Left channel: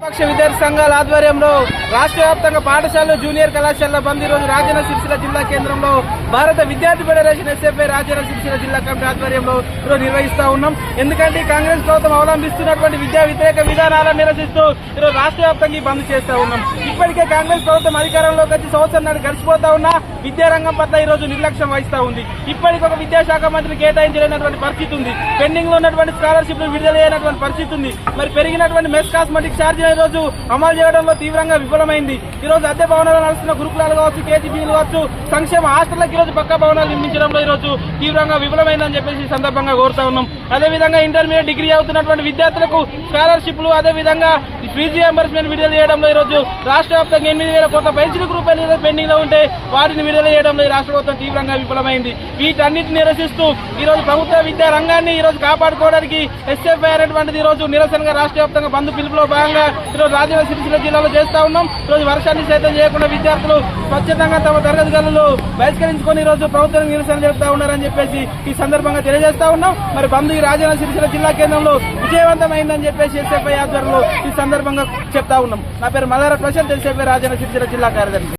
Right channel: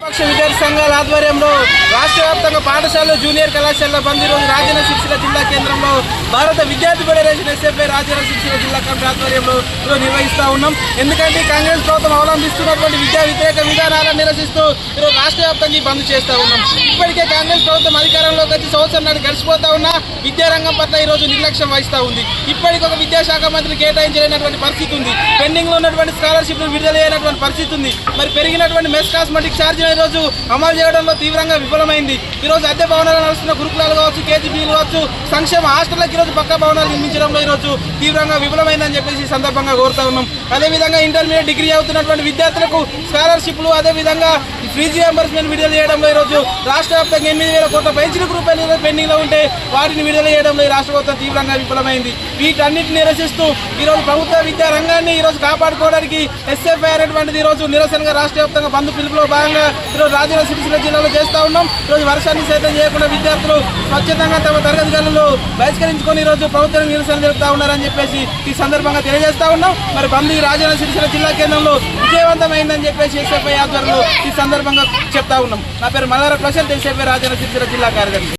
పక్ష విద్యార్థి సంఘాల ఆధ్వర్యంలో రాష్ట్ర వ్యాప్తంగా పాఠశాలలు జూనియర్ కళాశాల బంద్ ఈరోజు రాజన్న సిరిసిల్ల జిల్లా కేంద్రంలో భారత విద్యార్థి ఫెడరేషన్ ఎస్ఎఫ్ఐ రాజన్న సిరిసిల్ల జిల్లా కమిటీ ఆధ్వర్యంలో ఈరోజు నిర్వహిస్తూ ఉన్నాం. ఎందుకంటే కాంగ్రెస్ ప్రభుత్వం అవలంబిస్తున్నటువంటి విద్యా వ్యతిరేక విధానాలను నిరసిస్తూ ఈరోజు రాష్ట్ర వ్యాప్తంగా బంద్ చేస్తూ ఉన్నాం. ఇప్పటికే కాంగ్రెస్ ప్రభుత్వం అధికారంలోకి వచ్చి సంవత్సరం నాటి గడిచిపోతా ఉన్నా విద్యారంగం పట్ల ఈ రోజు నిర్లక్ష్యం వహిస్తూ ఉంది. ఇప్పటికి ఒక విద్యాశాఖ మంత్రి కేటాయించలేనటువంటి పరిస్థితి ఉంది. పెండింగ్లో ఉన్నటువంటి స్కాలర్షిప్లు విడుదల అయినటువంటి పరిస్థితి ఉంది. మరి పెరిగినటువంటి మెస్ కాస్మెటిక్ ఛార్జీలు ఈ రోజు అమలు చేయడంలో తీవ్రంగా విఫలమైంది. ఈ రోజు అద్దె భవనాలు నడుస్తున్న గురుకులాలు కావచ్చు కేజీబీలు కావచ్చు సంక్షేమ హాస్టల్లకు ఈరోజు రోజు పక్క భవనాలు నిర్మించడంలో ఈ రోజు తీవ్రంగా విఫలమైందని చెప్పేసి ఈ సందర్భంగా కోరుతా ఉన్నాం. అదేవిధంగా ఇంటర్మీడియట్ డిగ్రీ అవుతున్నటువంటి విద్యార్థులకు స్కాలర్షిప్లు అదేవిధంగా ఫీజు రియంబర్స్మెంట్ విడుదల చేయడంలో ఈ రోజు రాష్ట్ర వ్యాప్తంగా ఎనిమిది వేల కోట్ల పెంచిన రూపాయలు ఈరోజు పెండింగ్లో ఉంటే వాటిని విడుదల చేయడంలో ఈ రాష్ట్ర ప్రభుత్వం తీవ్రంగా విఫలమైంది. వీటన్నిటిని నిరసిస్తూ ఈరోజు ప్రభుత్వ విద్యా రంగాన్ని ఈరోజు కాపాడుకోవడానికి ఎస్ఎఫ్ఐఆర్ అటువంటిది ఈ రోజు నిరసనగా రాష్ట్ర వ్యాప్తంగా బంధు పిలుపులో భాగంగా ఈరోజు రాజన్న సిరిసిల్ల జిల్లాలో చేస్తూ ఉన్నాం. ఈరోజు రోజు వర్షాన్ని సైతం చేయకుండా విద్యార్థులు స్వచ్ఛతంగా తమ తరగతి గదులు బహిష్కరించుకొని ఈరోజు రోజు ప్రభుత్వం నిరసన జరుపుతా ఉన్నారని చెప్పేసి ఈ సందర్భంగా తెలియజేస్తా ఉన్నాం. మరి బంద్ రాజన్న సిరిసిల్ల జిల్లా కేంద్రంలో విజయవంతమైందని చెప్పేసి ఎస్ఎఫ్ఐ ఆధ్వర్యంలో ఈ సందర్భంగా చెప్తా ఉన్నాం. నా పేరు మల్లార ప్రశాంత్ ఎస్ఎఫ్ఐ రాజన్న సిరిసిల్ల జిల్లా కార్యదర్శి.